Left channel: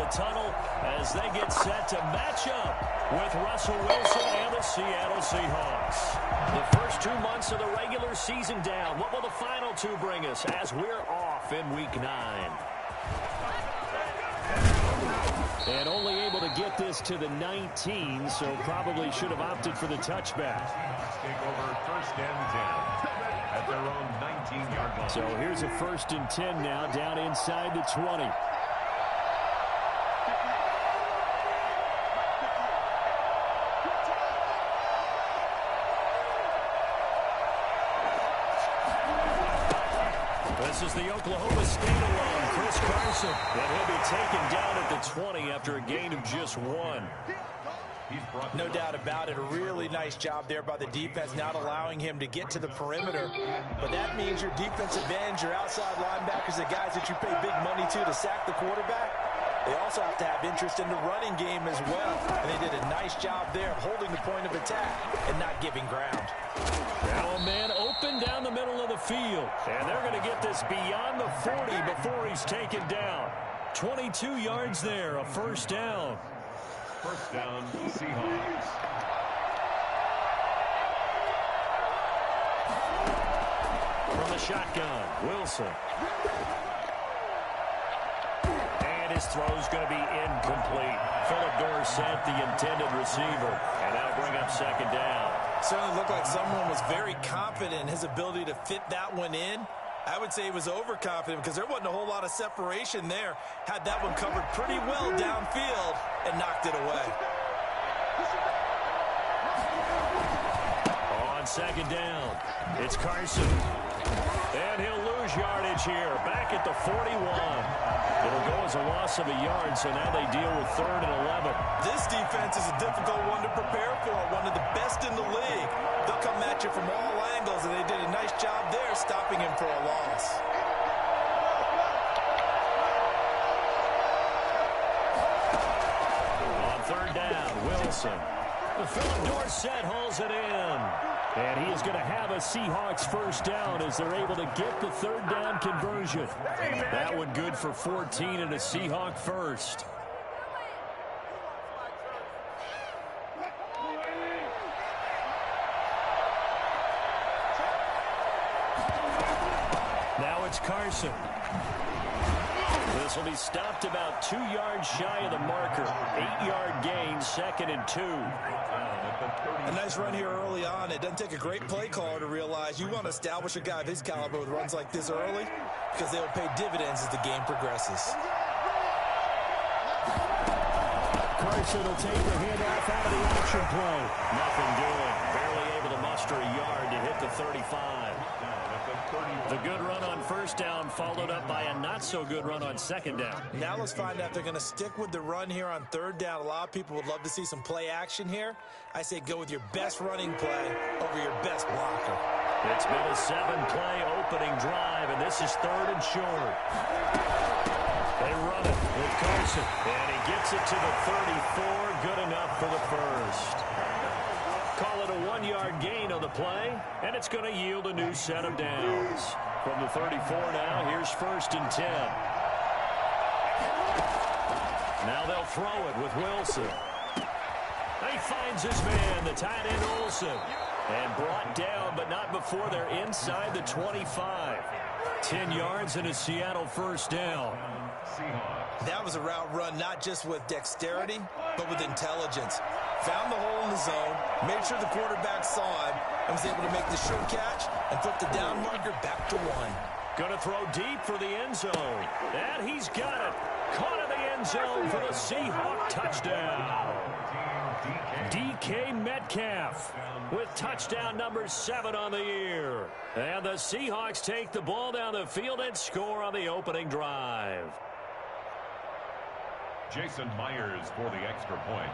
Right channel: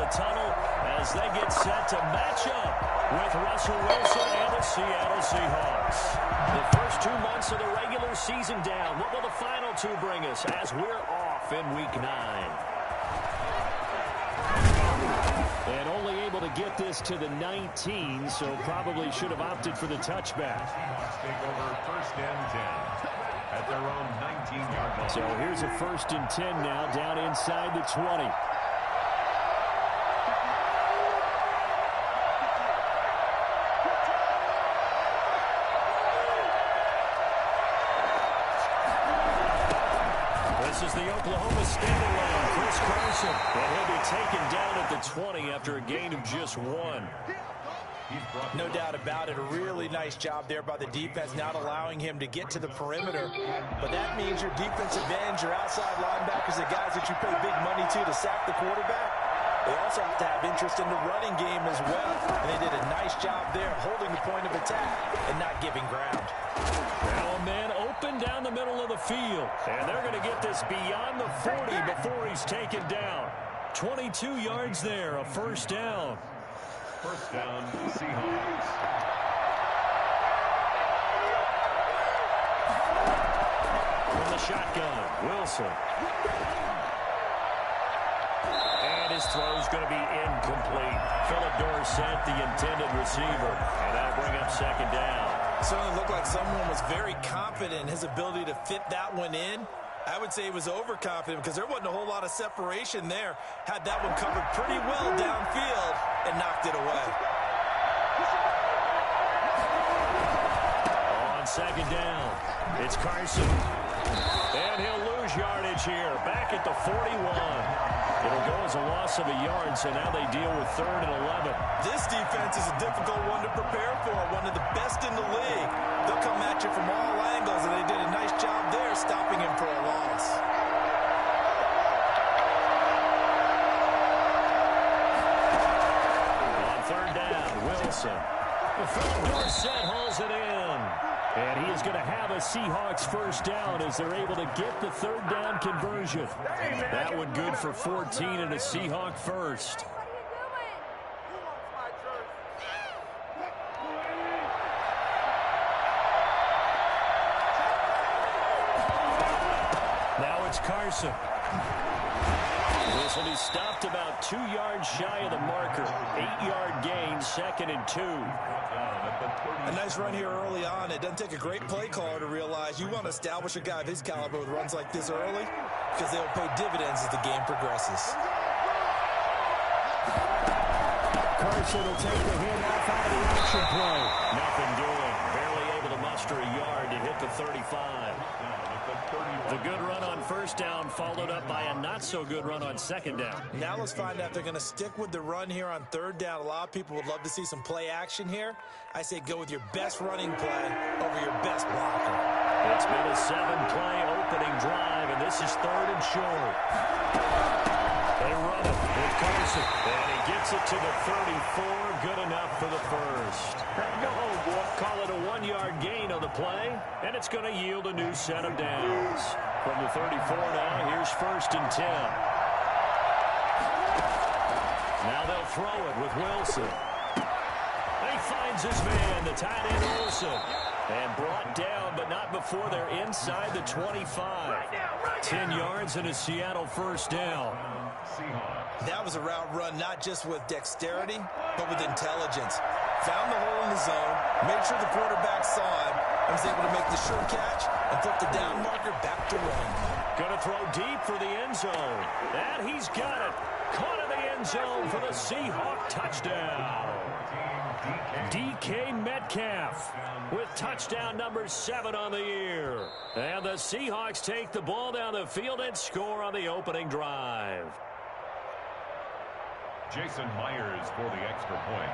the tunnel as they get set to match up with Russell Wilson and the Seattle Seahawks. The first 2 months of the regular season down. What will the final two bring us as we're off in Week 9? And only able to get this to the 19, so probably should have opted for the touchback. Seahawks take over 1st and 10 at their own 19-yard line. So here's a 1st and 10 now, down inside the 20. This is the Oklahoma standalone, Chris Carson. And he'll be taken down at the 20 after a gain of just 1. No doubt about it. A really nice job there by the defense, not allowing him to get to the perimeter. But that means your defensive ends, your outside linebackers, the guys that you pay big money to sack the quarterback, they also have to have interest in the running game as well. And they did a nice job there of holding the point of attack and not giving ground. Now a man open down the middle of the field. And they're going to get this beyond the 40 before he's taken down. 22 yards there, a 1st down. 1st down, Seahawks. From the shotgun, Wilson. And his throw's going to be incomplete. Philip Dorsett, the intended receiver. And that'll bring up 2nd down. Certainly looked like someone was very confident in his ability to fit that one in. I would say he was overconfident because there wasn't a whole lot of separation there. Had that one covered pretty well downfield and knocked it away. On 2nd down, it's Carson. And he'll lose yardage here. Back at the 41. It'll go as a loss of a yard, so now they deal with 3rd and 11. This defense is a difficult one to prepare for, one of the best in the league. They'll come at you from all angles, and they did a nice job there stopping him for a loss. On 3rd down, Wilson. Philip Dorsett hauls it in. And he is going to have a Seahawks 1st down as they're able to get the 3rd down conversion. That one good for 14 and a Seahawk 1st. Now it's Carson. This will be stopped about 2 yards shy of the marker. 8-yard gain, 2nd and 2. A nice run here early on. It doesn't take a great play caller to realize you want to establish a guy of his caliber with runs like this early because they'll pay dividends as the game progresses. Carson will take the handoff out of the action play. Nothing doing. Barely able to muster a yard to hit the 35. The good run on 1st down followed up by a not-so-good run on 2nd down. Now let's find out if they're going to stick with the run here on 3rd down. A lot of people would love to see some play action here. I say go with your best running play over your best blocker. It's been a 7-play opening drive, and this is 3rd and short. They run it with Carson, and he gets it to the 34. Good enough for the 1st. Call it a 1-yard gain on the play, and it's going to yield a new set of downs. From the 34 now, here's 1st and 10. Now they'll throw it with Wilson. He finds his man, the tight end Olsen. And brought down, but not before they're inside the 25. 10 yards and a Seattle 1st down. That was a route run not just with dexterity, but with intelligence. Found the hole in the zone, made sure the quarterback saw him, and was able to make the sure catch and flip the down marker back to 1. Going to throw deep for the end zone. And he's got it. Caught in the end zone for the Seahawk touchdown. DK Metcalf with touchdown number 7 on the year. And the Seahawks take the ball down the field and score on the opening drive. Jason Myers for the extra point.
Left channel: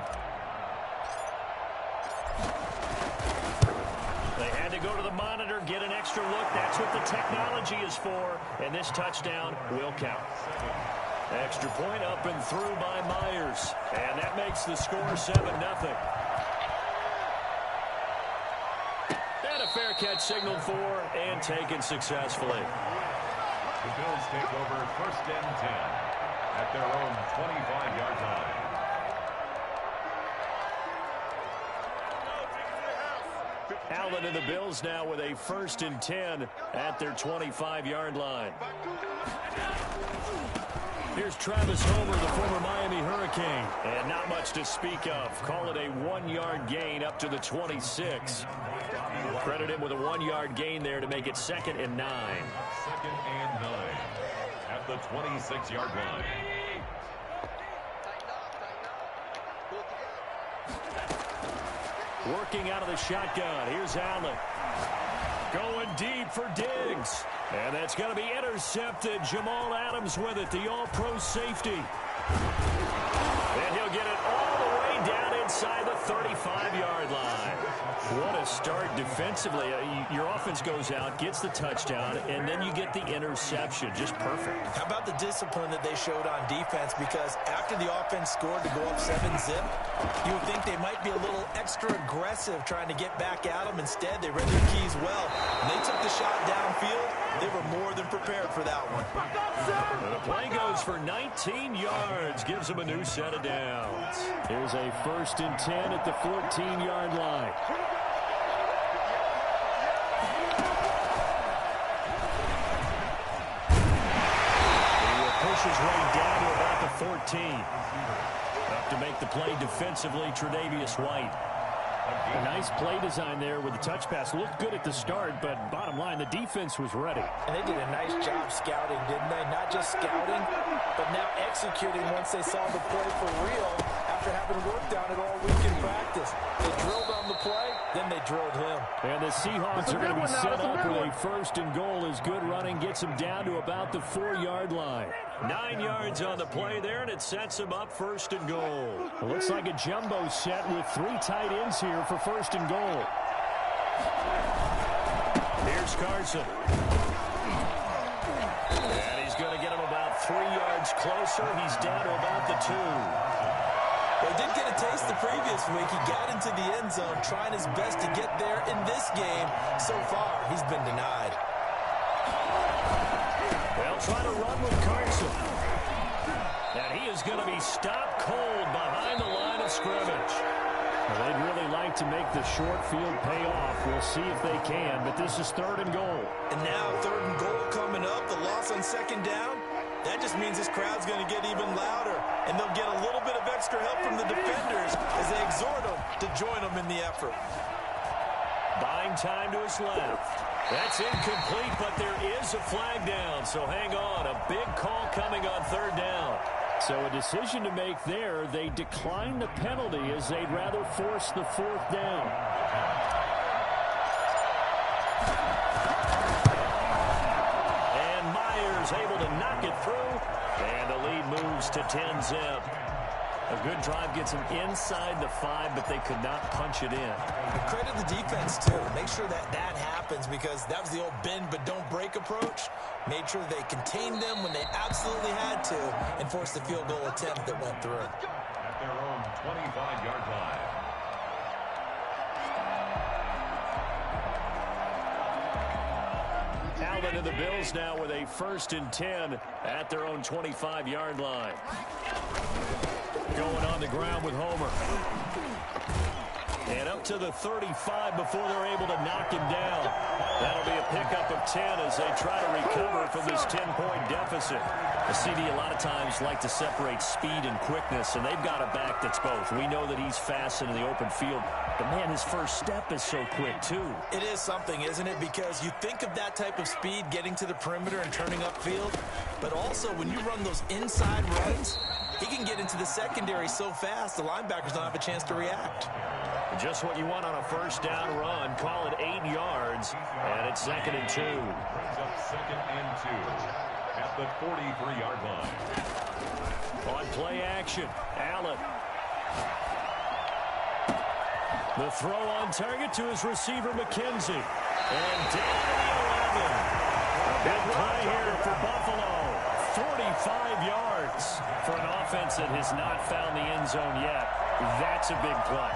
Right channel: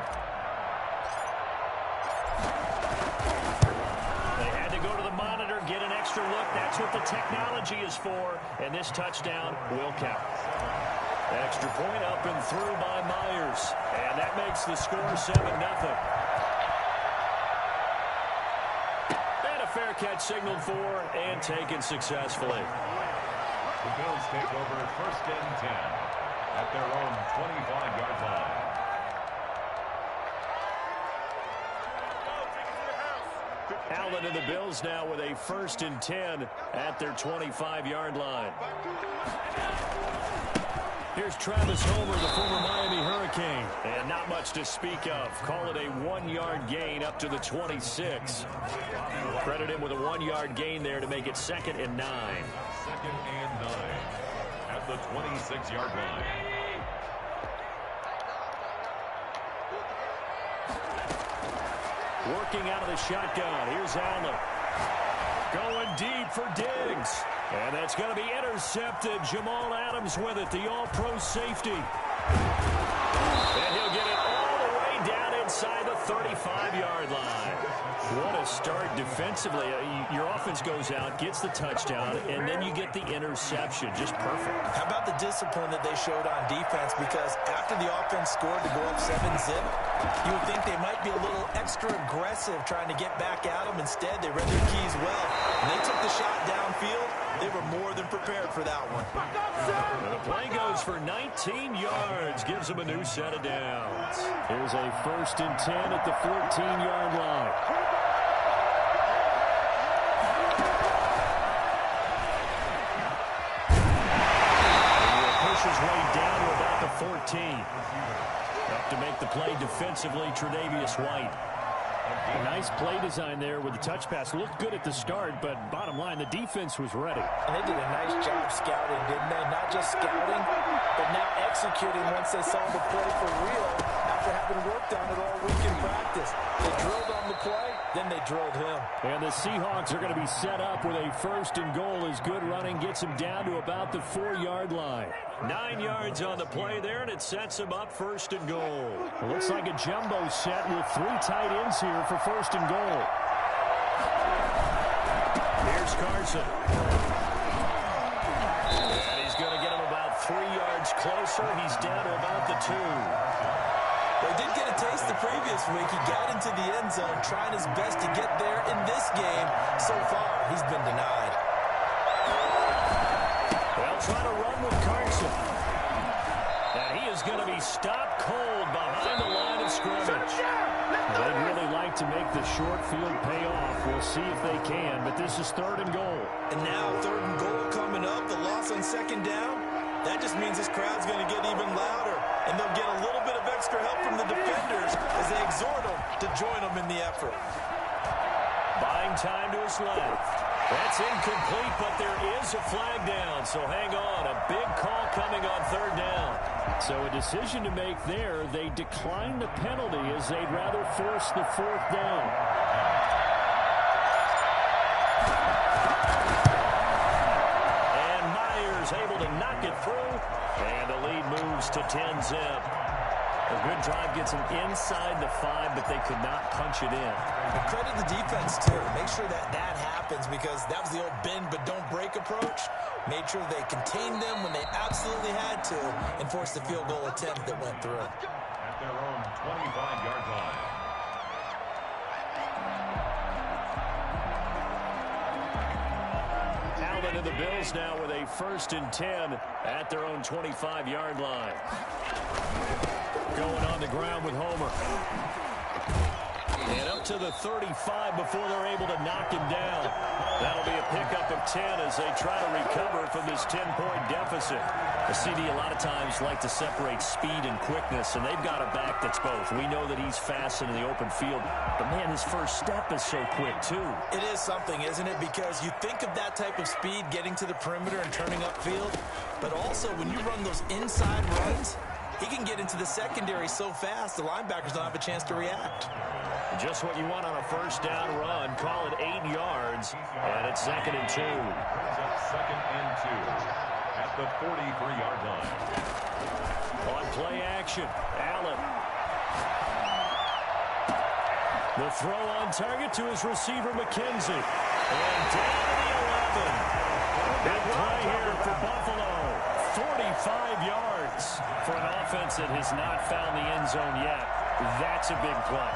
They had to go to the monitor, get an extra look. That's what the technology is for. And this touchdown will count. Extra point up and through by Myers. And that makes the score 7-0. And a fair catch signaled for and taken successfully. The Bills take over 1st and 10 at their own 25-yard Allen and the Bills now with a 1st and 10 at their 25-yard line. Here's Travis Homer, the former Miami Hurricane. And not much to speak of. Call it a 1-yard gain up to the 26. Credit him with a 1-yard gain there to make it 2nd and 9. 2nd and 9 at the 26-yard line. Working out of the shotgun. Here's Allen. Going deep for Diggs. And that's going to be intercepted. Jamal Adams with it, the all-pro safety. And he'll get it all the way down inside the 35-yard line. What a start defensively. Your offense goes out, gets the touchdown, and then you get the interception. Just perfect. How about the discipline that they showed on defense? Because after the offense scored to go up 7-zip, you would think they might be a little extra aggressive trying to get back at them. Instead, they read their keys well. When they took the shot downfield, they were more than prepared for that one. And the play goes for 19 yards. Gives them a new set of downs. Here's a 1st and 10 at the 14-yard line. He will push his way down to about the 14. Up to make the play defensively, Tre'Davious White. A nice play design there with the touch pass. Looked good at the start, but bottom line, the defense was ready. And they did a nice job scouting, didn't they? Not just scouting, but now executing once they saw the play for real after having worked on it all week in practice. They drilled on the play, then they drilled him. And the Seahawks are going to be set up with a 1st and goal as good running gets them down to about the 4-yard line. 9 yards on the play there, and it sets them up 1st and goal. It looks like a jumbo set with 3 tight ends here for 1st and goal. Here's Carson. And he's going to get him about 3 yards closer. He's down to about the 2. Well, he did get a taste the previous week. He got into the end zone trying his best to get there in this game. So far, he's been denied. They'll try to run with Carson. And he is going to be stopped cold behind the line of scrimmage. Well, they'd really like to make the short field pay off. We'll see if they can, but this is 3rd and goal. And now 3rd and goal coming up. The loss on 2nd down. That just means this crowd's going to get even louder, and they'll get a little bit of extra help from the defenders as they exhort them to join them in the effort. Buying time to his left. That's incomplete, but there is a flag down, so hang on. A big call coming on 3rd down. So a decision to make there. They decline the penalty as they'd rather force the 4th down. Able to knock it through, and the lead moves to 10-zip. A good drive gets them inside the 5, but they could not punch it in. And credit the defense, too. Make sure that happens, because that was the old bend but don't break approach. Made sure they contained them when they absolutely had to and forced the field goal attempt that went through. At their own 25-yard line. Allen and the Bills now with a 1st and 10 at their own 25-yard line. Going on the ground with Homer. And up to the 35 before they're able to knock him down. That'll be a pickup of 10 as they try to recover from this 10-point deficit. The CD a lot of times like to separate speed and quickness, and they've got a back that's both. We know that he's fast in the open field, but man, his first step is so quick too. It is something, isn't it? Because you think of that type of speed getting to the perimeter and turning upfield, but also when you run those inside runs, he can get into the secondary so fast the linebackers don't have a chance to react. Just what you want on a 1st down run. Call it 8 yards, and it's 2nd and 2. Brings up 2nd and 2 at the 43-yard line. On play action, Allen. The throw on target to his receiver, McKenzie. And down to the 11. A big play here for Buffalo. 45 yards for an offense that has not found the end zone yet. That's a big play.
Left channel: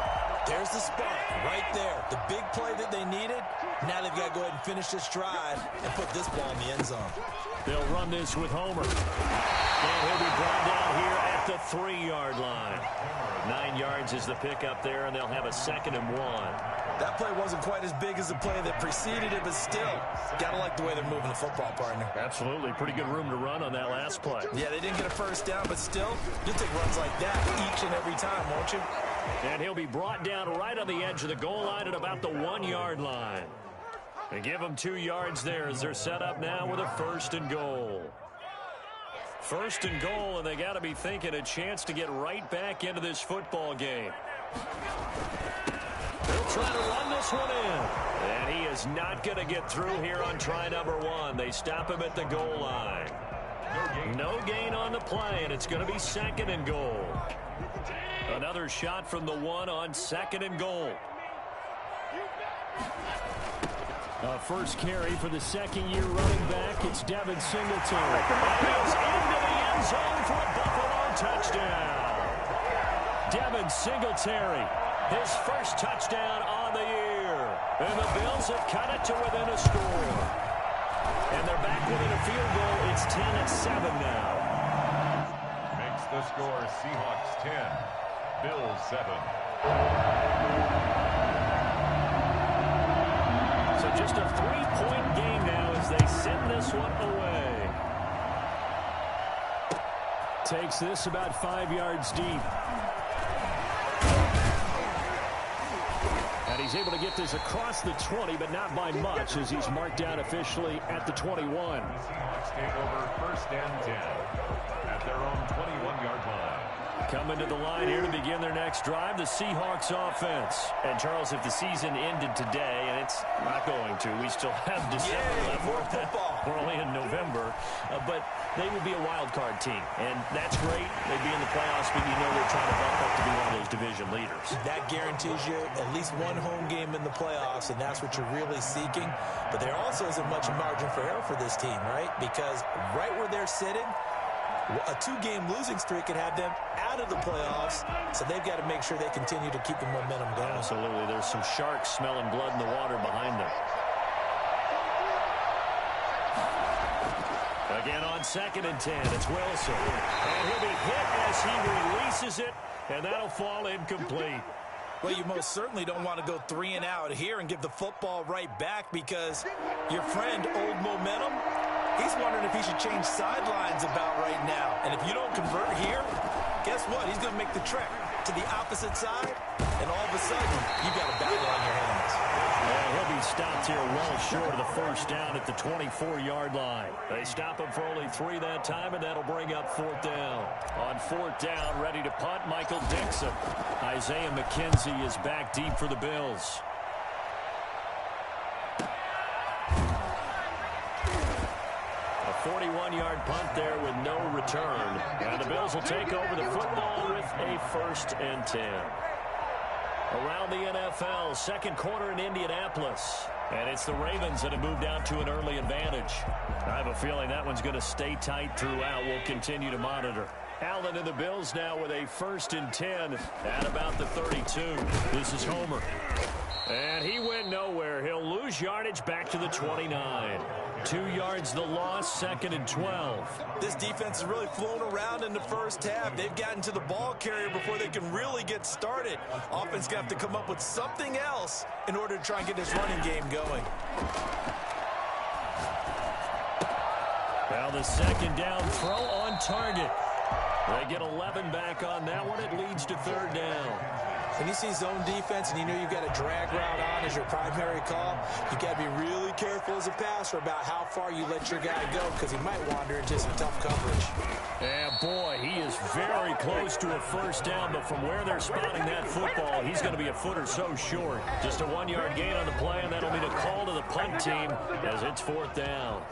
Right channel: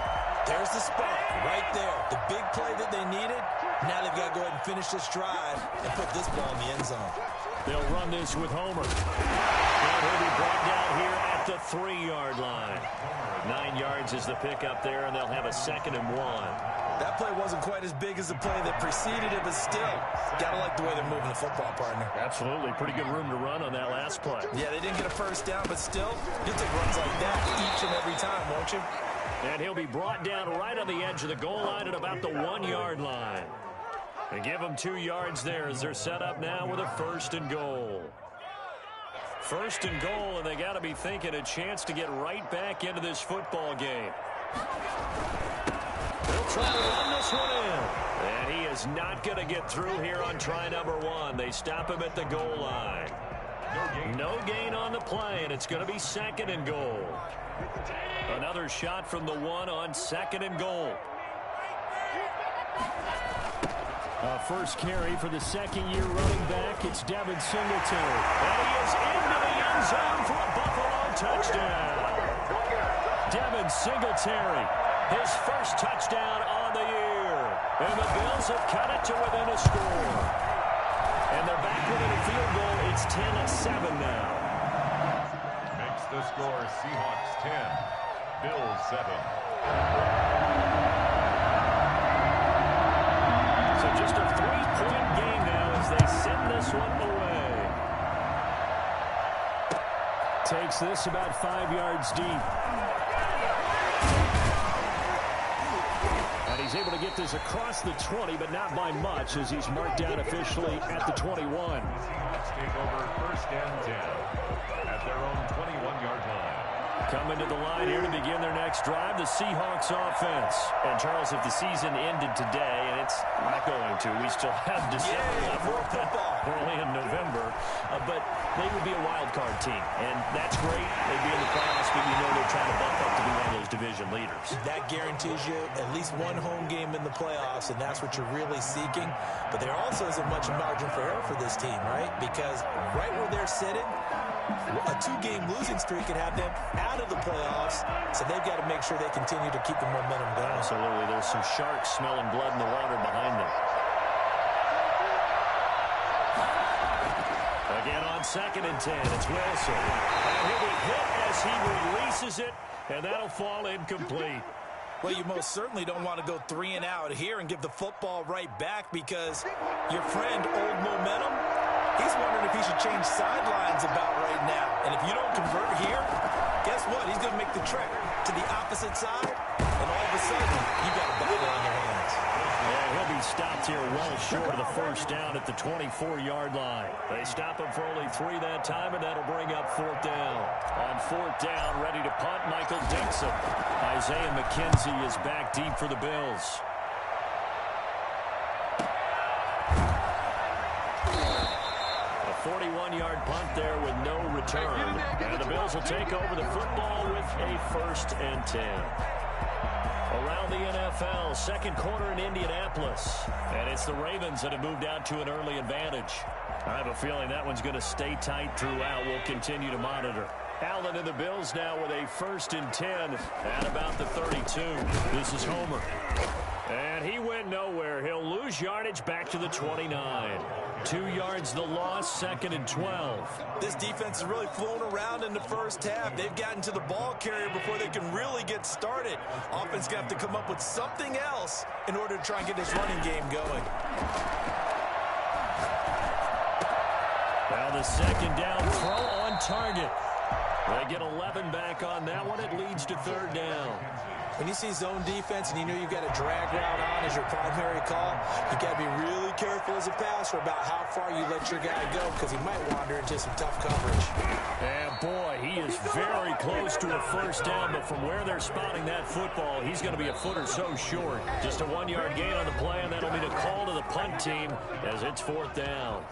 There's the spark right there. The big play that they needed. Now they've got to go ahead and finish this drive and put this ball in the end zone. They'll run this with Homer. And he'll be brought down here at the 3-yard line. 9 yards is the pickup there, and they'll have a 2nd and 1. That play wasn't quite as big as the play that preceded it, but still, got to like the way they're moving the football, partner. Absolutely. Pretty good room to run on that last play. Yeah, they didn't get a first down, but still, you'll take runs like that each and every time, won't you? And he'll be brought down right on the edge of the goal line at about the 1-yard line. They give them 2 yards there as they're set up now with a 1st and goal. 1st and goal, and they got to be thinking a chance to get right back into this football game. They'll try to run this one in. And he is not going to get through here on try number 1. They stop him at the goal line. No gain on the play, and it's going to be 2nd and goal. Another shot from the 1 on 2nd and goal. First carry for the 2nd-year running back. It's Devin Singletary. And he is into the end zone for a Buffalo touchdown. Devin Singletary, his first touchdown on the year. And the Bills have cut it to within a score. And they're back within a field goal. It's 10-7 now. Makes the score Seahawks 10, Bills 7. So just a 3-point game now as they send this one away. Takes this about 5 yards deep. And he's able to get this across the 20, but not by much as he's marked down officially at the 21. Seahawks take over 1st and 10 at their own 21-yard line. Coming to the line here to begin their next drive, the Seahawks offense. And, Charles, if the season ended today, and it's not going to, we still have December left. More football. We're only in November. But they would be a wild card team. And that's great. They'd be in the playoffs, but you know they're trying to bump up to be one of those division leaders. That guarantees you at least one home game in the playoffs, and that's what you're really seeking. But there also isn't much margin for error for this team, right? Because right where they're sitting, a 2-game losing streak could have them out of the playoffs, so they've got to make sure they continue to keep the momentum going. Absolutely. There's some sharks smelling blood in the water behind them. Again on 2nd and 10, it's Wilson. And he'll be hit as he releases it, and that'll fall incomplete. Well, you most certainly don't want to go 3 and out here and give the football right back because your friend, Old Momentum, he's wondering if he should change sidelines about right now. And if you don't convert here, guess what? He's going to make the trek to the opposite side, and all of a sudden, you've got a battle on your hands. And he'll be stopped here well short of the 1st down at the 24-yard line. They stop him for only 3 that time, and that'll bring up 4th down. On 4th down, ready to punt, Michael Dixon. Isaiah McKenzie is back deep for the Bills. A 41-yard punt there with no return. And the Bills will take over the football with a 1st and 10. Around the NFL, 2nd quarter in Indianapolis. And it's the Ravens that have moved out to an early advantage. I have a feeling that one's going to stay tight throughout. We'll continue to monitor. Allen and the Bills now with a 1st and 10 at about the 32. This is Homer. And he went nowhere. He'll lose yardage back to the 29. 2 yards the loss, 2nd and 12. This defense is really flown around in the first half. They've gotten to the ball carrier before they can really get started. Offense got to come up with something else in order to try and get this running game going. Well, the 2nd down throw on target. They get 11 back on that one. It leads to 3rd down. When you see zone defense and you know you've got a drag route on as your primary call, you've got to be really careful as a passer about how far you let your guy go because he might wander into some tough coverage. And boy, he is very close to a 1st down, but from where they're spotting that football, he's going to be a foot or so short. Just a 1-yard gain on the play, and that'll be the call to the punt team as it's 4th down.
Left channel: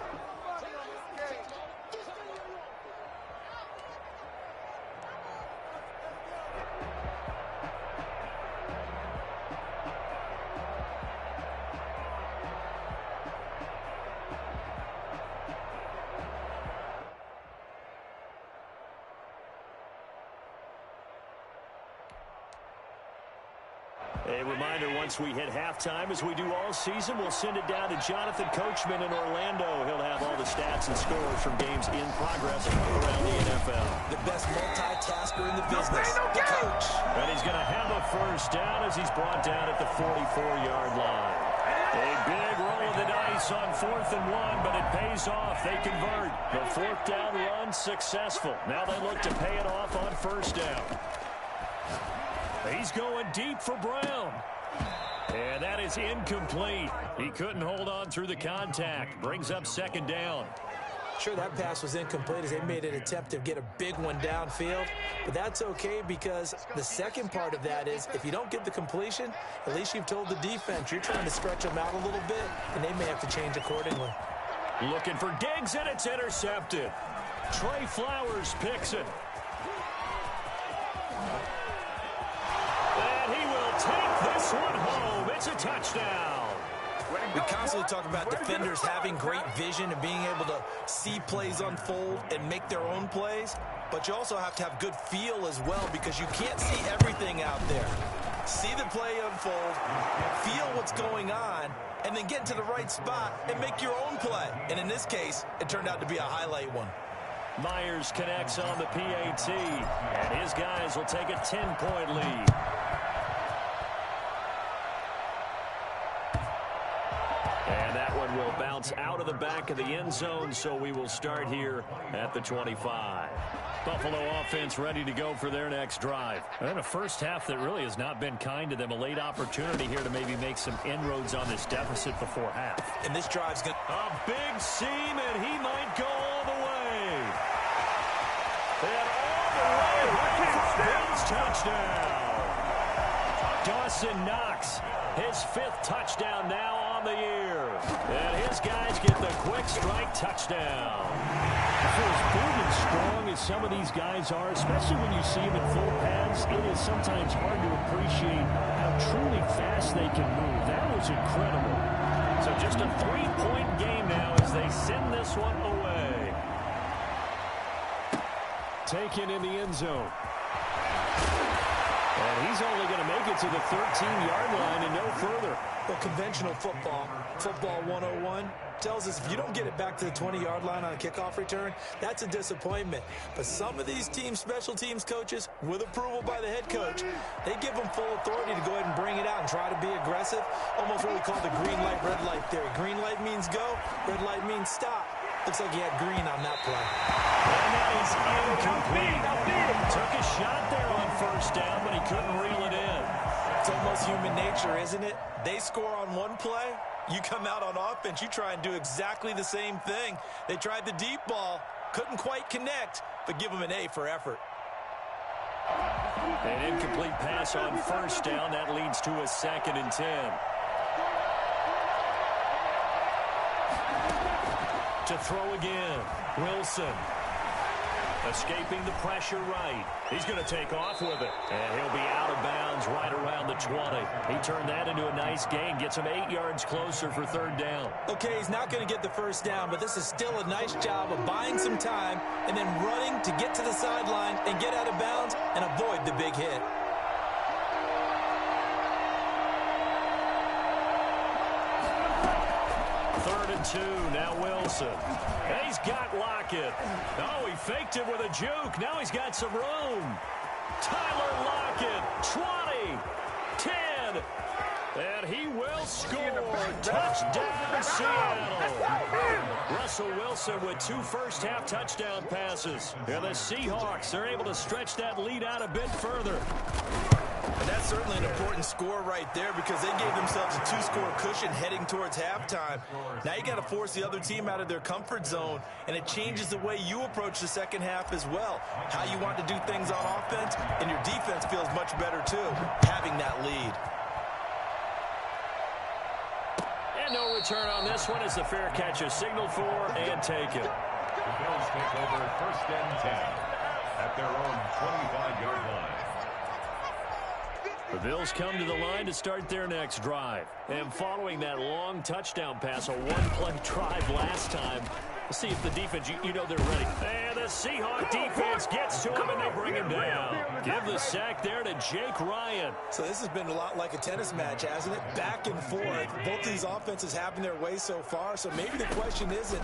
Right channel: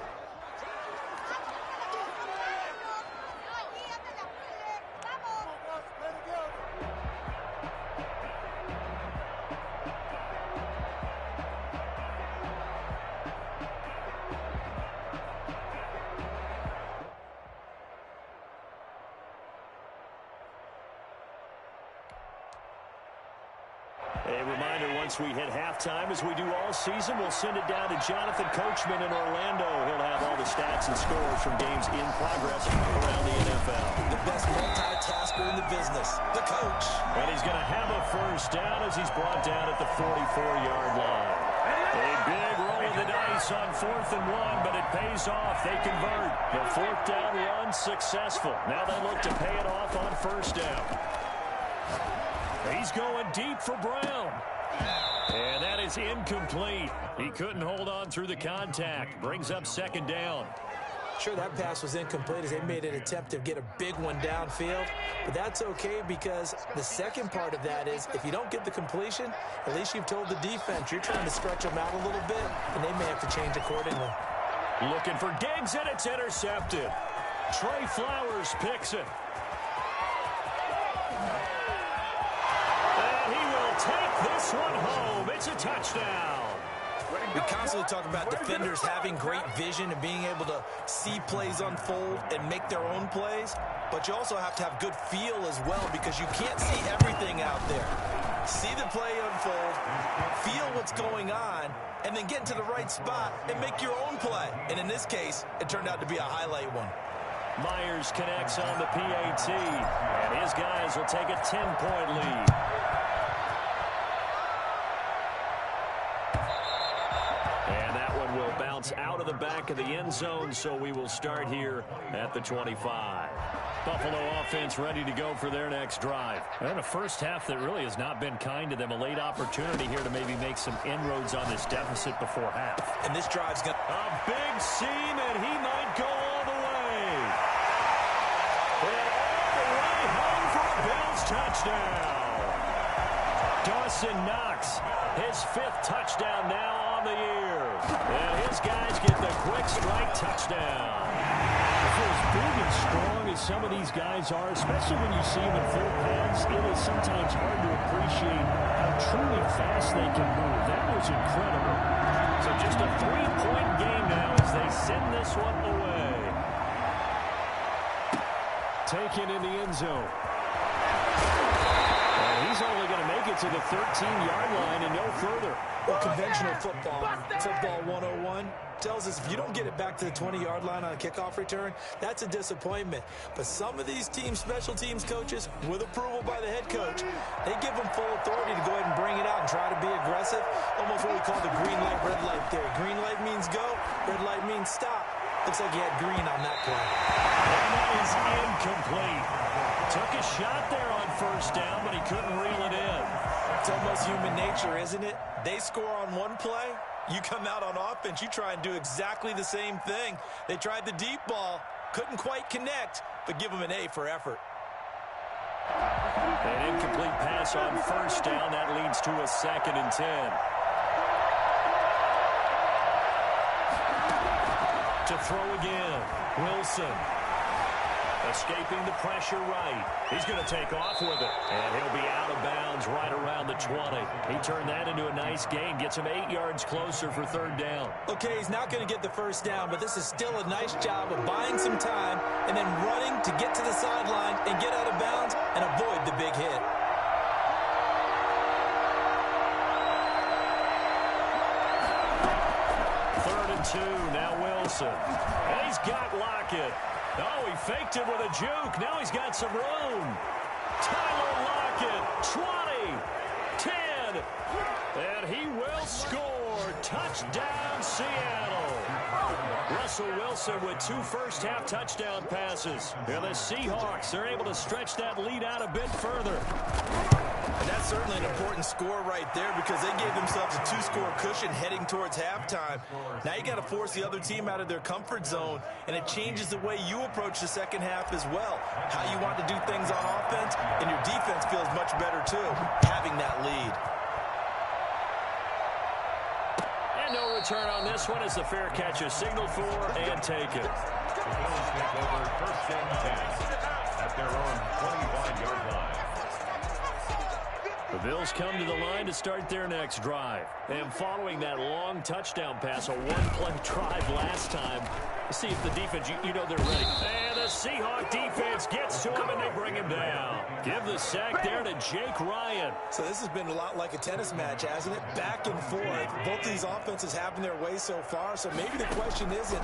A reminder, once we hit halftime, as we do all season, we'll send it down to Jonathan Coachman in Orlando. He'll have all the stats and scores from games in progress around the NFL. The best multitasker in the business, the coach. And he's going to have a first down as he's brought down at the 44-yard line. A big roll of the dice on 4th and 1, but it pays off. They convert. The 4th down run successful. Now they look to pay it off on 1st down. He's going deep for Brown. And that is incomplete. He couldn't hold on through the contact. Brings up 2nd down. Sure, that pass was incomplete as they made an attempt to get a big one downfield. But that's okay because the second part of that is if you don't get the completion, at least you've told the defense you're trying to stretch them out a little bit, and they may have to change accordingly. Looking for Diggs, and it's intercepted. Trey Flowers picks it. And he will take this one home. It's a touchdown. We constantly talk about defenders having great vision and being able to see plays unfold and make their own plays, but you also have to have good feel as well because you can't see everything out there. See the play unfold, feel what's going on, and then get into the right spot and make your own play. And in this case, it turned out to be a highlight one. Myers connects on the PAT, and his guys will take a 10-point lead. And that one will bounce out of the back of the end zone, so we will start here at the 25. Buffalo offense ready to go for their next drive. And a first half that really has not been kind to them. A late opportunity here to maybe make some inroads on this deficit before half. And this drive's going to... A big seam, and he might go all the way. And all the way home for a Bills touchdown. Dawson Knox, his 5th touchdown now on the year. And his guys get the quick strike touchdown. For as big and strong as some of these guys are, especially when you see them in full pads, it is sometimes hard to appreciate how truly fast they can move. That was incredible. So just a 3-point game now as they send this one away. Taken in the end zone. And he's only going to make it to the 13-yard line and no further. Well, conventional football 101, tells us if you don't get it back to the 20-yard line on a kickoff return, that's a disappointment. But some of these special teams coaches, with approval by the head coach, they give them full authority to go ahead and bring it out and try to be aggressive, almost what we call the green light, red light theory. Green light means go, red light means stop. Looks like he had green on that play. And that is incomplete. Took a shot there on 1st down, but he couldn't reel it in. It's almost human nature, isn't it? They score on one play. You come out on offense, you try and do exactly the same thing. They tried the deep ball, couldn't quite connect, but give them an A for effort. An incomplete pass on 1st down. That leads to a 2nd and 10. To throw again, Wilson. Escaping the pressure right. He's going to take off with it. And he'll be out of bounds right around the 20. He turned that into a nice gain. Gets him 8 yards closer for 3rd down. Okay, he's not going to get the 1st down, but this is still a nice job of buying some time and then running to get to the sideline and get out of bounds and avoid the big hit. Third and 2, now Wilson. And he's got Lockett. Oh, he faked it with a juke. Now he's got some room. Tyler Lockett, 20, 10, and he will score. Touchdown, Seattle. Russell Wilson with 2 first-half touchdown passes. And the Seahawks are able to stretch that lead out a bit further. And that's certainly an important score right there because they gave themselves a 2-score cushion heading towards halftime. Now you got to force the other team out of their comfort zone, and it changes the way you approach the second half as well. How you want to do things on offense, and your defense feels much better too, having that lead. And no return on this one as the fair catch is signaled for and taken. The Bills take over 1st and 10 at their own 25-yard line. The Bills come to the line to start their next drive. And following that long touchdown pass, a one-play drive last time, let's see if the defense, you know they're ready. And the Seahawk defense gets to him, and they bring him down. Give the sack there to Jake Ryan. So this has been a lot like a tennis match, hasn't it? Back and forth. Both these offenses having their way so far, so maybe the question isn't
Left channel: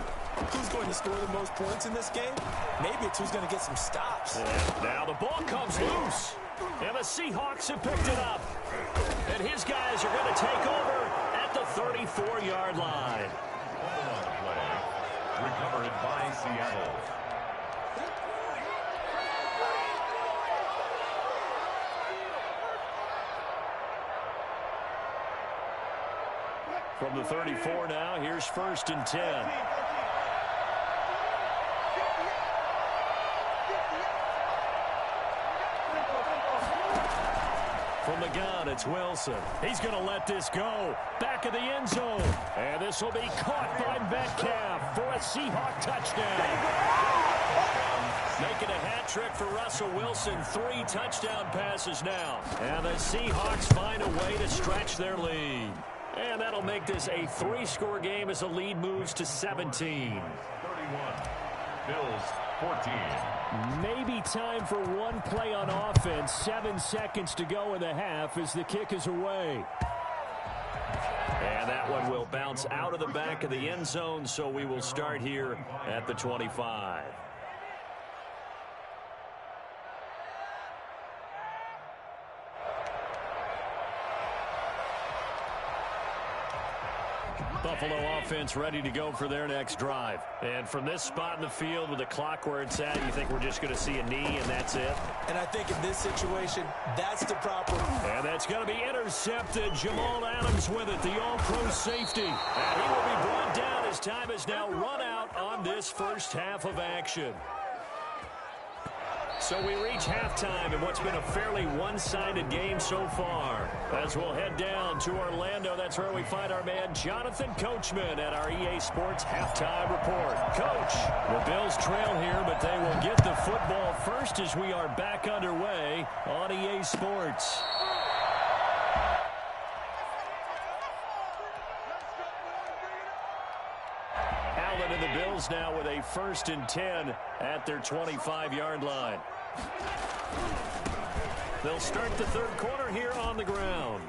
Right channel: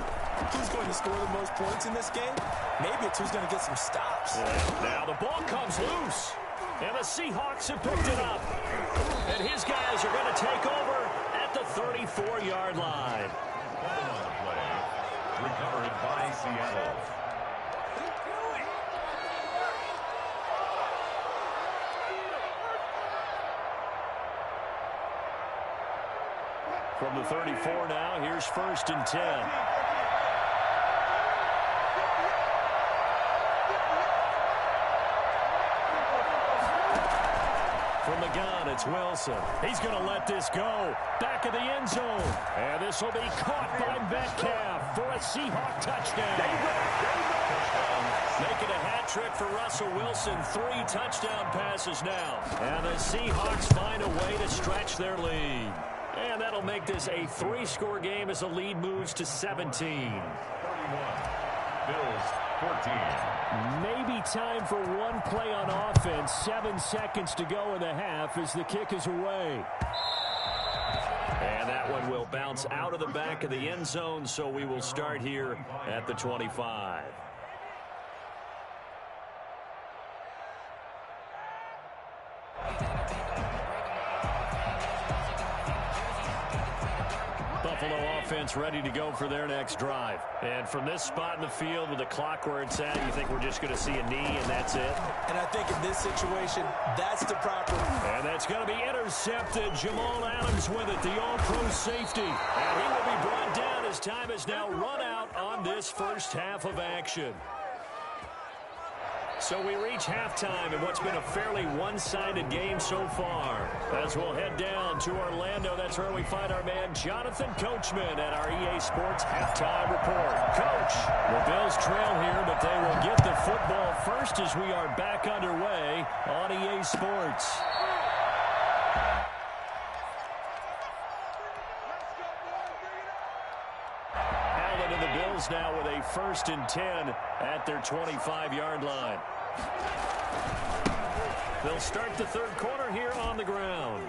who's going to score the most points in this game. Maybe it's who's going to get some stops. Yeah. Now the ball comes loose, and the Seahawks have picked it up. And his guys are going to take over at the 34-yard line. Ball on the play. Recovered by Seattle. From the 34 now, here's 1st and 10. From the gun, it's Wilson. He's going to let this go. Back of the end zone. And this will be caught by Metcalf for a Seahawk touchdown. Making a hat trick for Russell Wilson. 3 touchdown passes now. And the Seahawks find a way to stretch their lead. And that'll make this a 3-score game as the lead moves to 17. 31. Bills 14. Maybe time for one play on offense. 7 seconds to go in the half as the kick is away. And that one will bounce out of the back of the end zone, so we will start here at the 25. Buffalo offense ready to go for their next drive. And from this spot in the field with the clock where it's at, you think we're just going to see a knee and that's it? And I think in this situation, that's the proper. And that's going to be intercepted. Jamal Adams with it, the all-pro safety. And he will be brought down as time has now run out on this first half of action. So we reach halftime in what's been a fairly one-sided game so far. As we'll head down to Orlando, that's where we find our man Jonathan Coachman at our EA Sports Halftime Report. Coach, the Bills trail here, but they will get the football first as we are back underway on EA Sports. Allen and the Bills now with a 1st and 10 at their 25-yard line. They'll start the third quarter here on the ground.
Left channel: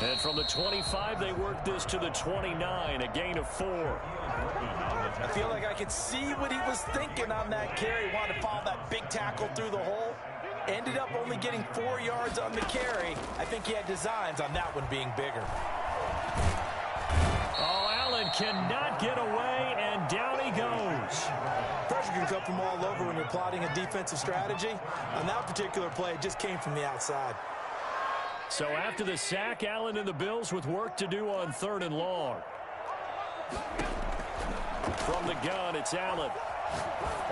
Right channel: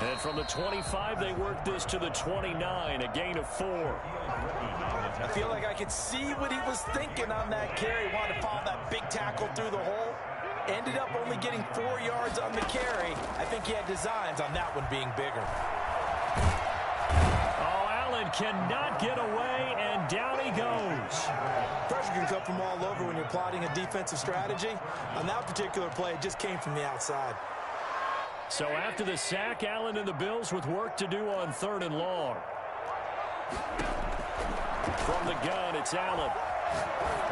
And from the 25, they work this to the 29, a gain of 4. I feel like I could see what he was thinking on that carry. Wanted to follow that big tackle through the hole. Ended up only getting 4 yards on the carry. I think he had designs on that one being bigger. Oh, Allen cannot get away, and down he goes. Pressure can come from all over when you're plotting a defensive strategy. On that particular play, it just came from the outside. So after the sack, Allen and the Bills with work to do on 3rd and long. From the gun, it's Allen.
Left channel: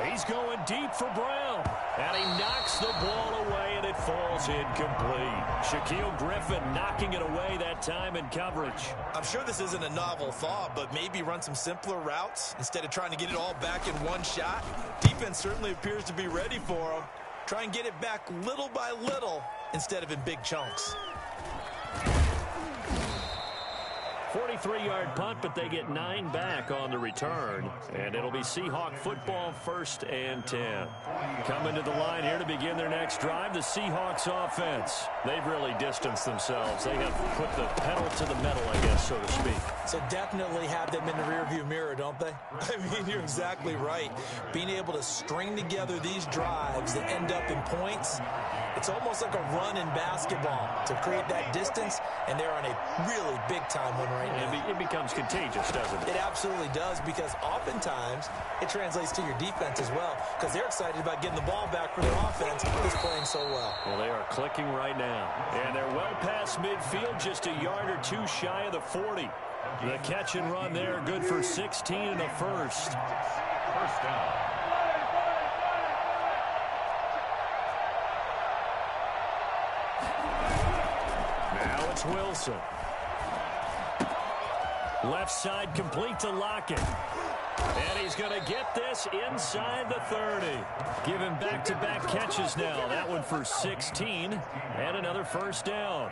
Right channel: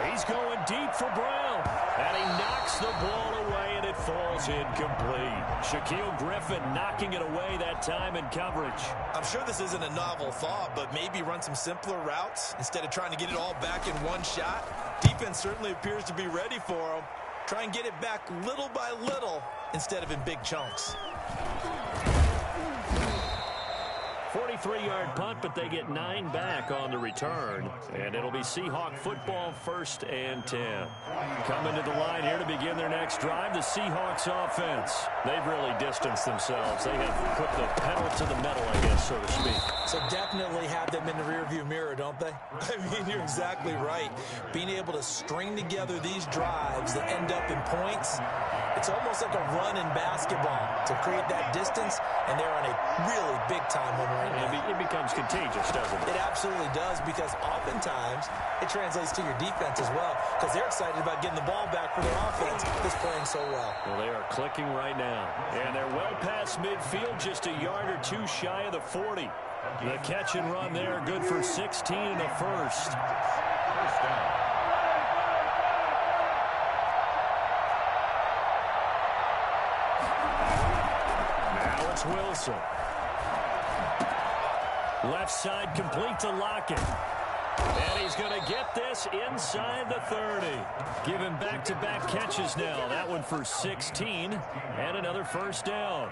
He's going deep for Brown. And he knocks the ball away, and it falls incomplete. Shaquille Griffin knocking it away that time in coverage. I'm sure this isn't a novel thought, but maybe run some simpler routes instead of trying to get it all back in one shot. Defense certainly appears to be ready for him. Try and get it back little by little instead of in big chunks. 43-yard punt, but they get 9 back on the return. And it'll be Seahawk football, 1st and 10. Coming to the line here to begin their next drive, the Seahawks offense. They've really distanced themselves. They have put the pedal to the metal, I guess, so to speak. So definitely have them in the rearview mirror, don't they? I mean, you're exactly right. Being able to string together these drives that end up in points, it's almost like a run in basketball to create that distance, and they're on a really big-time one right now. It becomes contagious, doesn't it? It absolutely does, because oftentimes it translates to your defense as well, because they're excited about getting the ball back for their offense that's playing so well. Well, they are clicking right now. And they're well past midfield, just a yard or two shy of the 40. The catch and run there, good for 16 and a first. First down. Now it's Wilson. Left side complete to Lockett. And he's going to get this inside the 30. Giving back-to-back catches now. That one for 16 and another first down.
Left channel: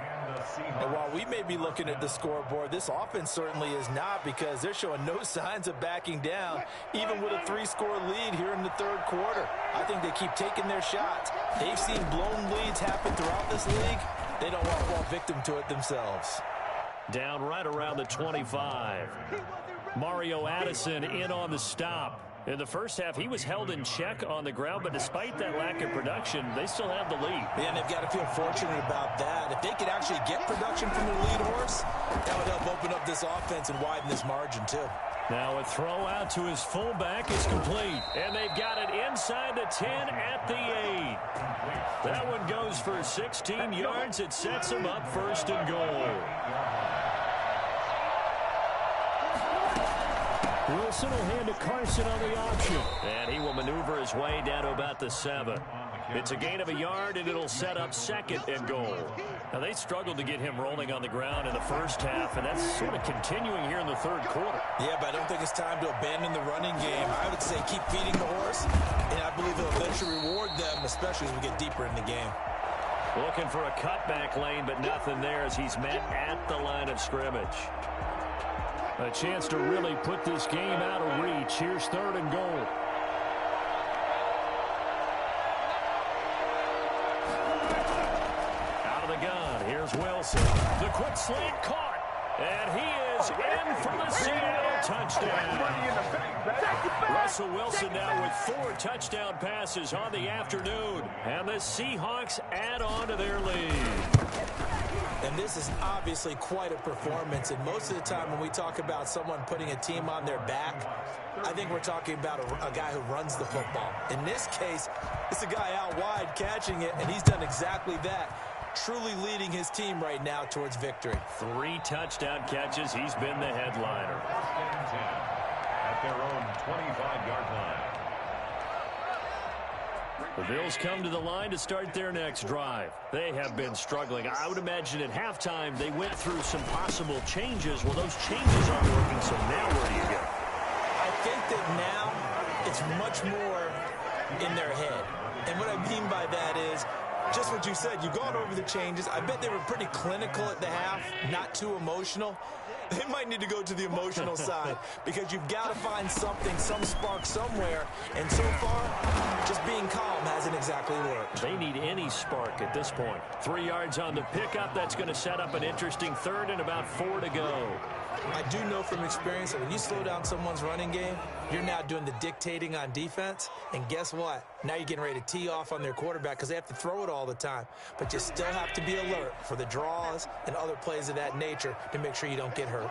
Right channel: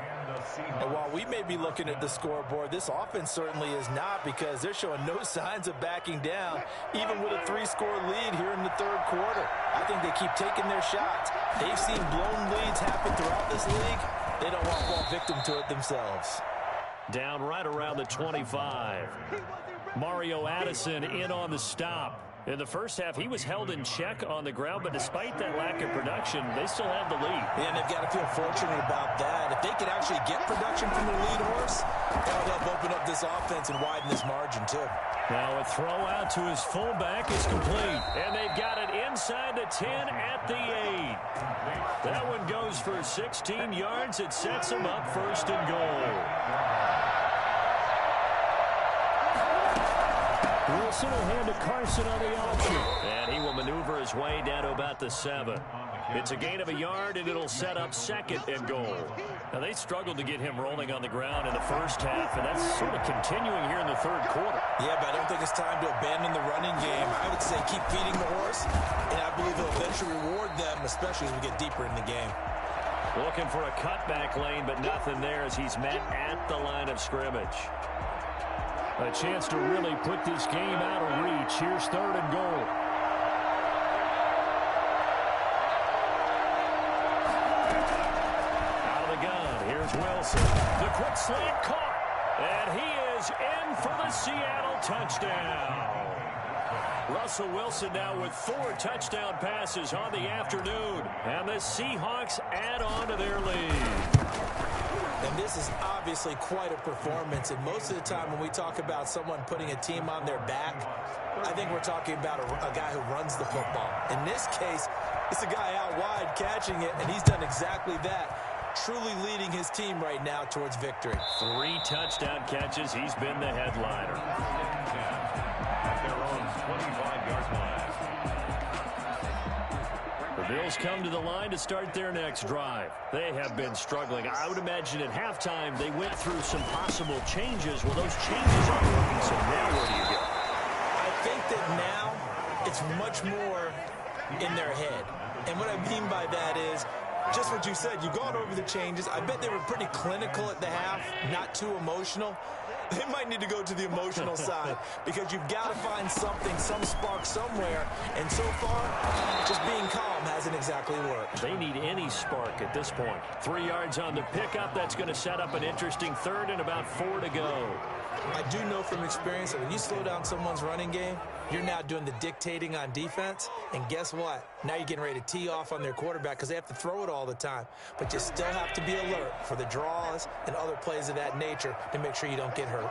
And while we may be looking at the scoreboard, this offense certainly is not, because they're showing no signs of backing down, even with a 3-score lead here in the third quarter. I think they keep taking their shots. They've seen blown leads happen throughout this league. They don't want to fall victim to it themselves. Down right around the 25. Mario Addison in on the stop. In the first half, he was held in check on the ground, but despite that lack of production, they still have the lead. Yeah, and they've got to feel fortunate about that. If they could actually get production from their lead horse, that would help open up this offense and widen this margin, too. Now a throw out to his fullback is complete. And they've got it inside the 10 at the 8. That one goes for 16 yards. It sets them up first and goal. Wilson will hand to Carson on the option. And he will maneuver his way down to about the 7. It's a gain of a yard, and it'll set up second and goal. Now, they struggled to get him rolling on the ground in the first half, and that's sort of continuing here in the third quarter. Yeah, but I don't think it's time to abandon the running game. I would say keep feeding the horse, and I believe it'll eventually reward them, especially as we get deeper in the game. Looking for a cutback lane, but nothing there as he's met at the line of scrimmage. A chance to really put this game out of reach. Here's third and goal. Out of the gun, here's Wilson. The quick slant caught. And he is in for the Seattle touchdown. Russell Wilson now with 4 touchdown passes on the afternoon. And the Seahawks add on to their lead. And this is obviously quite a performance. And most of the time when we talk about someone putting a team on their back, I think we're talking about a guy who runs the football. In this case, it's a guy out wide catching it, and he's done exactly that. Truly leading his team right now towards victory. 3 touchdown catches. He's been the headliner. At their own 25-yard line. The Bills come to the line to start their next drive. They have been struggling. I would imagine at halftime they went through some possible changes. Well, those changes aren't working, so now where do you go? I think that now it's much more in their head. And what I mean by that is just what you said. You've gone over the changes. I bet they were pretty clinical at the half, not too emotional. They might need to go to the emotional side because you've got to find something, some spark somewhere. And so far, just being calm hasn't exactly worked. They need any spark at this point. 3 yards on the pickup. That's going to set up an interesting third and about 4 to go. I do know from experience that when you slow down someone's running game, you're now doing the dictating on defense. And guess what? Now you're getting ready to tee off on their quarterback because they have to throw it all the time. But you still have to be alert for the draws and other plays of that nature to make sure you don't get hurt.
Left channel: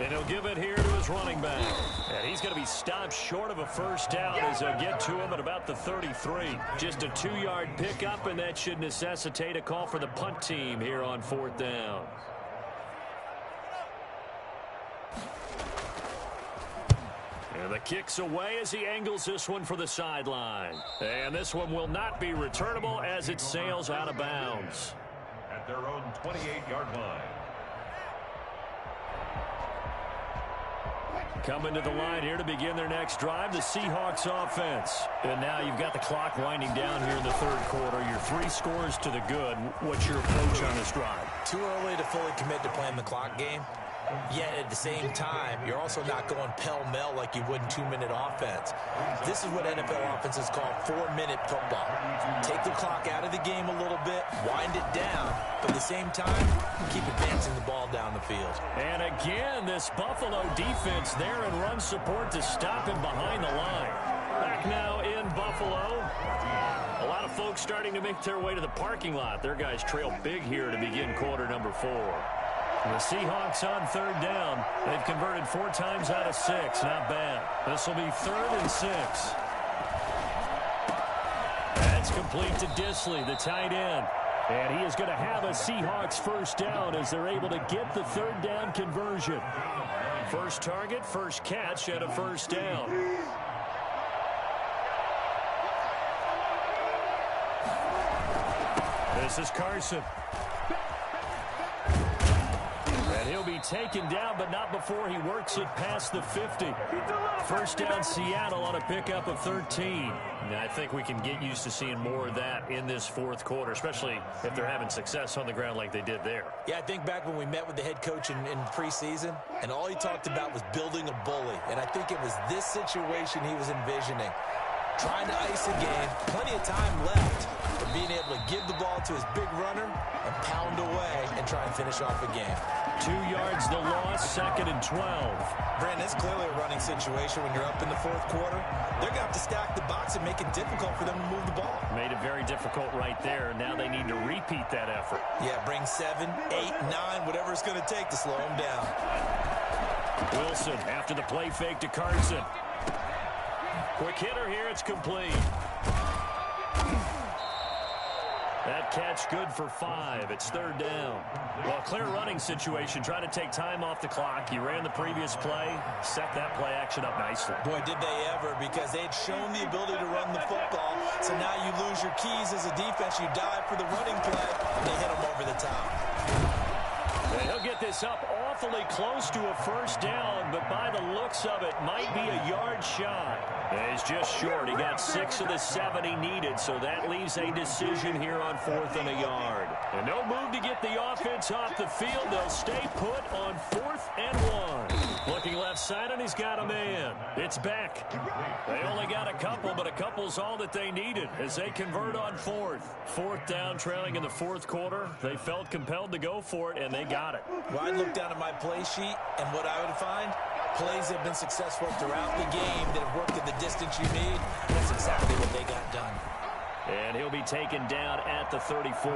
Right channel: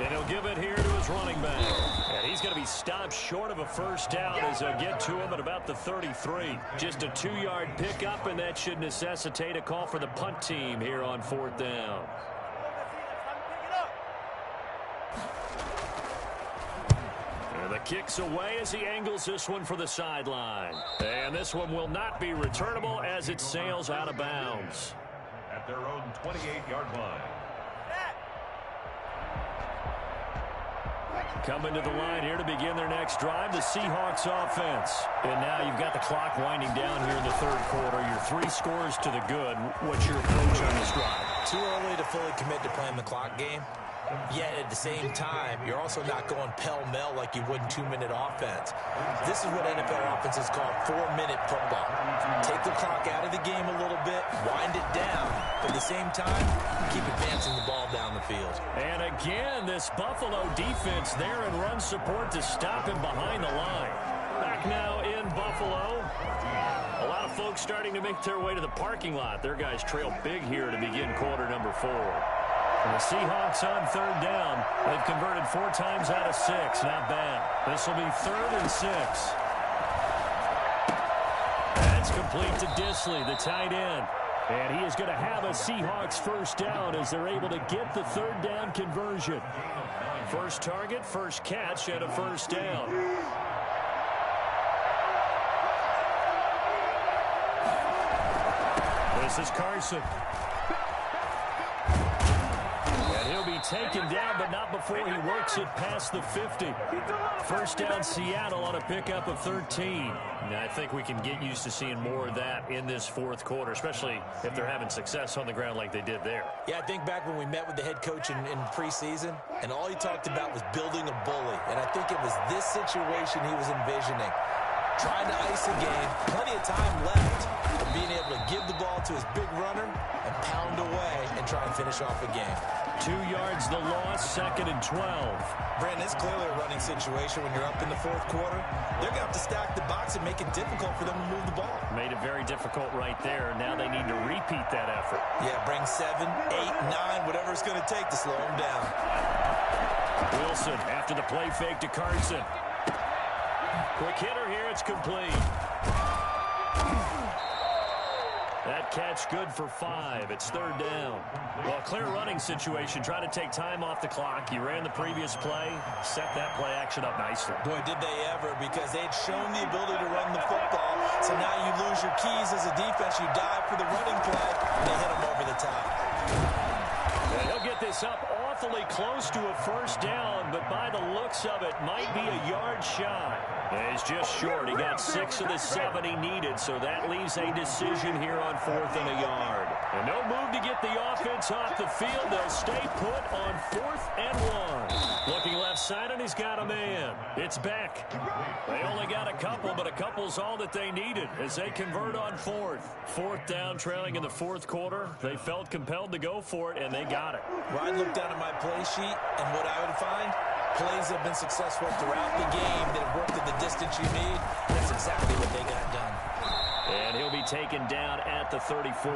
And he'll give it here to his running back. And he's going to be stopped short of a first down as they'll get to him at about the 33. Just a 2-yard pickup, and that should necessitate a call for the punt team here on 4th down. And the kick's away as he angles this one for the sideline. And this one will not be returnable as it sails out of bounds. At their own 28-yard line. Coming to the line here to begin their next drive, the Seahawks offense. And now you've got the clock winding down here in the third quarter. Your 3 scores to the good. What's your approach on this drive? Too early to fully commit to playing the clock game. Yet at the same time, you're also not going pell-mell like you would in 2-minute offense. This is what NFL offenses call 4-minute football. Take the clock out of the game a little bit, wind it down, but at the same time, keep advancing the ball down the field. And again, this Buffalo defense there in run support to stop him behind the line. Back now in Buffalo. A lot of folks starting to make their way to the parking lot. Their guys trail big here to begin quarter number 4. And the Seahawks on 3rd down. They've converted 4 times out of 6. Not bad. This will be 3rd and 6. That's complete to Disley, the tight end. And he is going to have a Seahawks first down as they're able to get the 3rd down conversion. First target, first catch, and a first down. This is Carson. And he'll be taken down, but not before he works it past the 50. First down Seattle on a pickup of 13. Now, I think we can get used to seeing more of that in this fourth quarter, especially if they're having success on the ground like they did there. Yeah, I think back when we met with the head coach in preseason, and all he talked about was building a bully. And I think it was this situation he was envisioning. Trying to ice a game, plenty of time left, but being able to give the ball to his big runner and pound away and try and finish off a game. 2 yards the loss, 2nd and 12. Brandon, it's clearly a running situation when you're up in the fourth quarter. They're going to have to stack the box and make it difficult for them to move the ball. Made it very difficult right there. Now they need to repeat that effort. Yeah, bring 7, 8, 9, whatever it's going to take to slow them down. Wilson after the play fake to Carson. Quick hitter here, it's complete. That catch good for 5. It's 3rd down. Well, clear running situation. Try to take time off the clock. You ran the previous play, set that play action up nicely. Boy, did they ever, because they had shown the ability to run the football. So now you lose your keys as a defense. You dive for the running play, and they hit them over the top. And he'll get this up awfully close to a first down, but by the looks of it, might be a yard shy. And he's just short. He got 6 of the 7 he needed, so that leaves a decision here on 4th and a yard. And no move to get the offense off the field. They'll stay put on 4th and 1. Looking left side, and he's got a man. It's Beck. They only got a couple, but a couple's all that they needed as they convert on 4th. 4th down, trailing in the fourth quarter. They felt compelled to go for it, and they got it. Well, I'd look down at my play sheet, and what I would find, plays have been successful throughout the game that have worked at the distance you need. That's exactly what they got done. And he'll be taken down at the 34.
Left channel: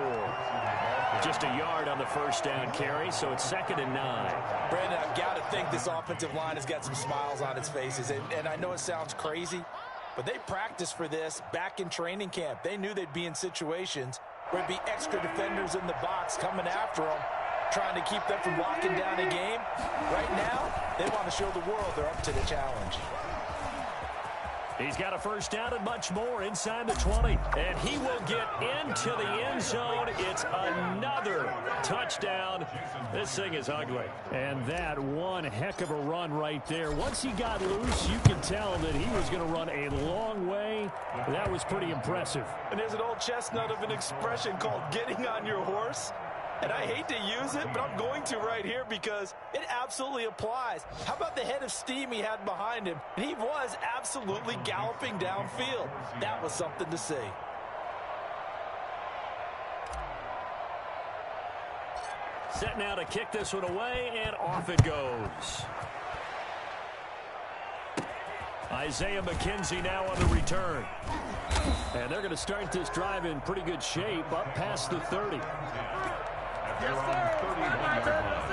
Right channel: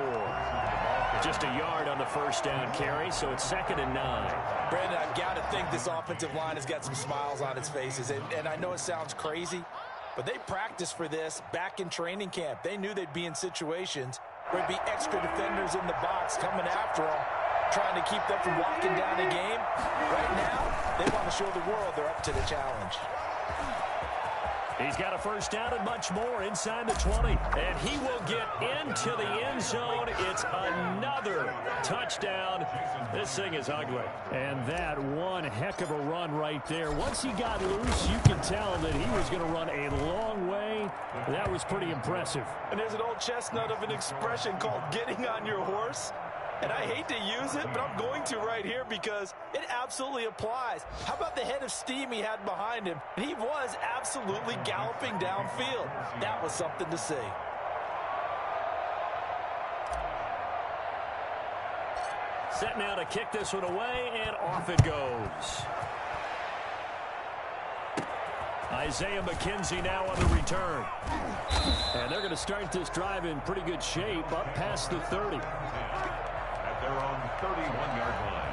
Just a yard on the first down carry, so it's 2nd and 9. Brandon, I've got to think this offensive line has got some smiles on its faces. And I know it sounds crazy, but they practiced for this back in training camp. They knew they'd be in situations where there'd be extra defenders in the box coming after them, trying to keep them from locking down a game. Right now, they want to show the world they're up to the challenge. He's got a first down and much more inside the 20. And he will get into the end zone. It's another touchdown. This thing is ugly. And that one heck of a run right there. Once he got loose, you can tell that he was going to run a long way. That was pretty impressive. And there's an old chestnut of an expression called getting on your horse. And I hate to use it, but I'm going to right here because it absolutely applies. How about the head of steam he had behind him? And he was absolutely galloping downfield. That was something to see. Set now to kick this one away, and off it goes. Isaiah McKenzie now on the return. And they're going to start this drive in pretty good shape, up past the 30. They're on 31-yard line.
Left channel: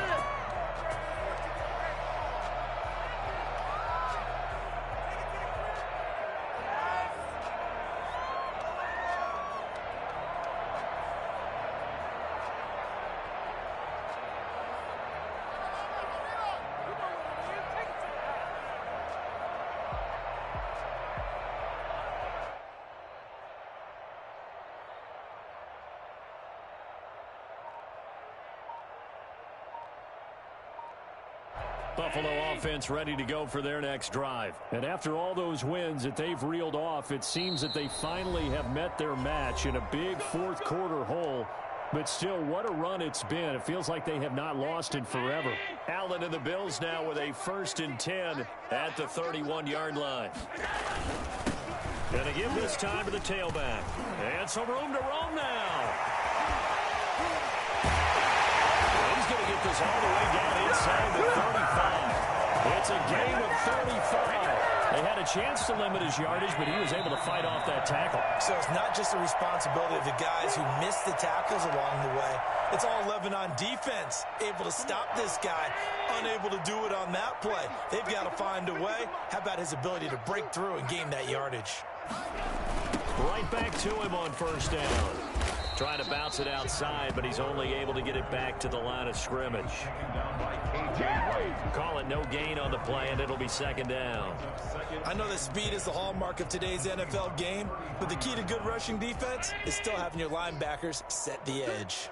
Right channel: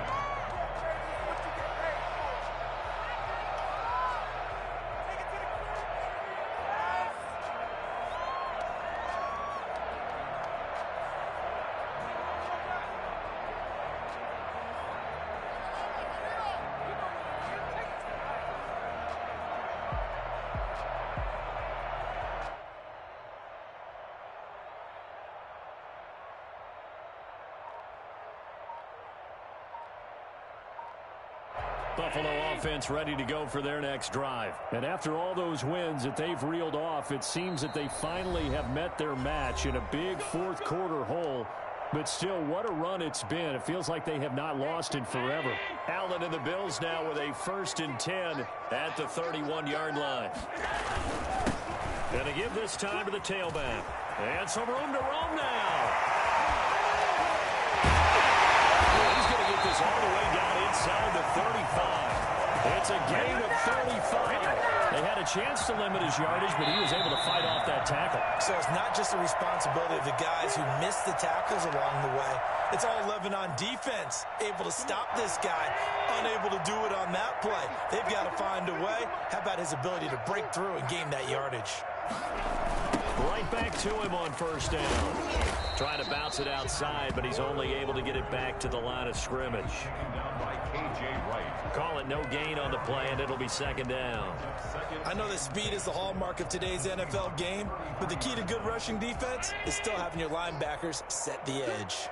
Buffalo offense ready to go for their next drive. And after all those wins that they've reeled off, it seems that they finally have met their match in a big fourth quarter hole. But still, what a run it's been. It feels like they have not lost in forever. Allen and the Bills now with a 1st and 10 at the 31-yard line. Going to give this time to the tailback. And some room to roam now. He's going to get this all the way down inside the 35. It's a gain of 35. They had a chance to limit his yardage, but he was able to fight off that tackle. So it's not just the responsibility of the guys who missed the tackles along the way. It's all 11 on defense, able to stop this guy, unable to do it on that play. They've got to find a way. How about his ability to break through and gain that yardage? Right back to him on first down. Trying to bounce it outside, but he's only able to get it back to the line of scrimmage. Call it no gain on the play, and it'll be 2nd down. I know that speed is the hallmark of today's NFL game, but the key to good rushing defense is still having your linebackers set the edge.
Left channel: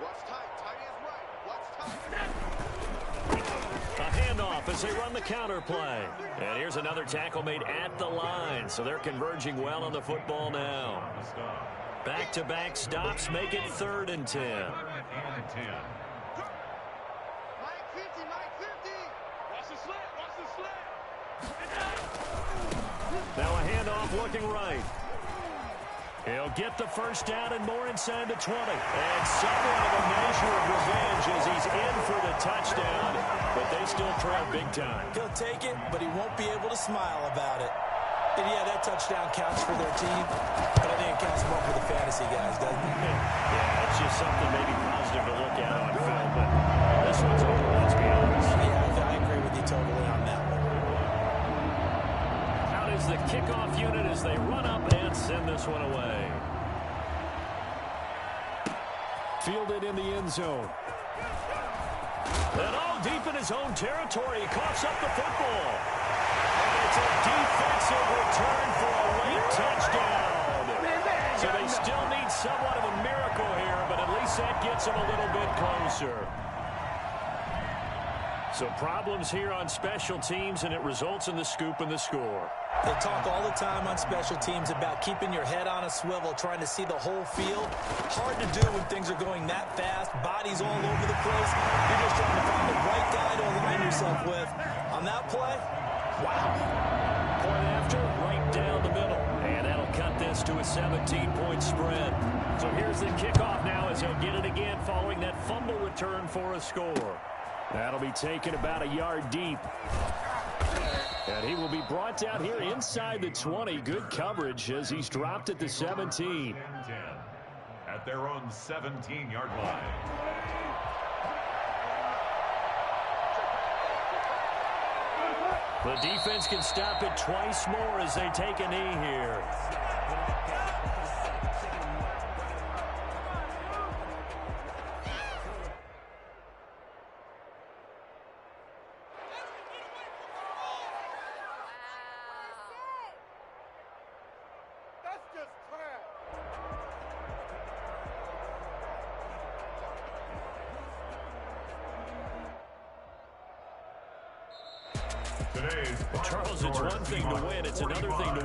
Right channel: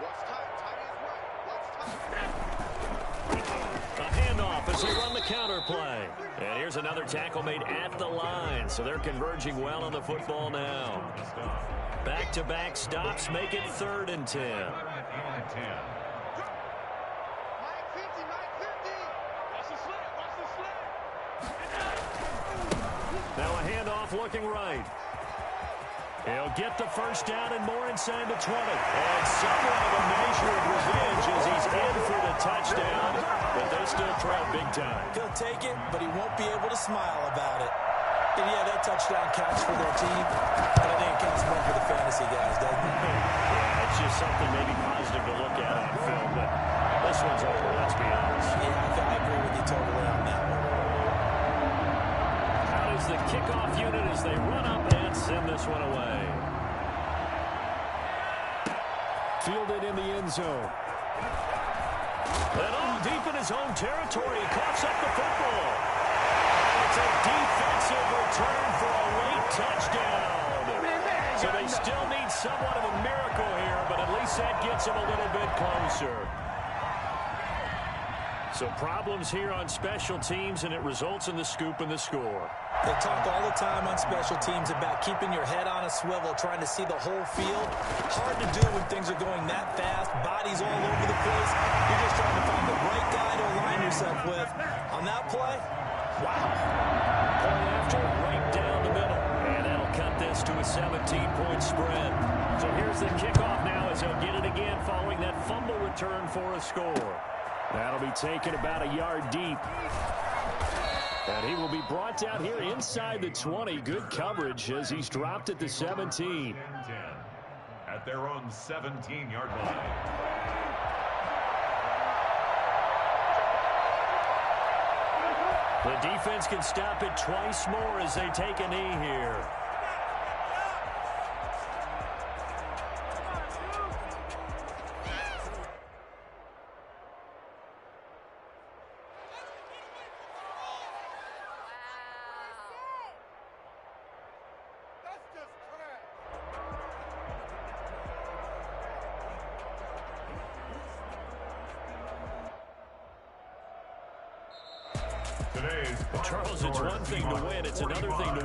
Watch tight. Tight is right. Watch tight. as they run the counter play. And here's another tackle made at the line, so they're converging well on the football now. Back-to-back stops make it 3rd and 10. Now a handoff looking right. He'll get the first down and more inside the 20. And somewhat of a measure of revenge as he's in for the touchdown, but they still trail big time. He'll take it, but he won't be able to smile about it. And yeah, that touchdown counts for their team, but I think it counts more for the fantasy guys, doesn't it? Yeah, it's just something maybe positive to look at on film, but this one's over, let's be honest. Yeah, I agree with you totally on that one. Out is the kickoff unit as they run up and send this one away. Fielded in the end zone. And all deep in his own territory, he coughs up the football. And it's a defensive return for a late touchdown. So they still need somewhat of a miracle here, but at least that gets them a little bit closer. So problems here on special teams, and it results in the scoop and the score. They talk all the time on special teams about keeping your head on a swivel, trying to see the whole field. Hard to do when things are going that fast, bodies all over the place. You're just trying to find the right guy to align yourself with. On that play, wow. Point after, right down the middle. And that'll cut this to a 17-point spread. So here's the kickoff now as he'll get it again following that fumble return for a score. That'll be taken about a yard deep. And he will be brought down here inside the 20. Good coverage as he's dropped at the 17. At their own 17-yard line. The defense can stop it twice more as they take a knee here. Charles, it's one thing to win, it's another thing to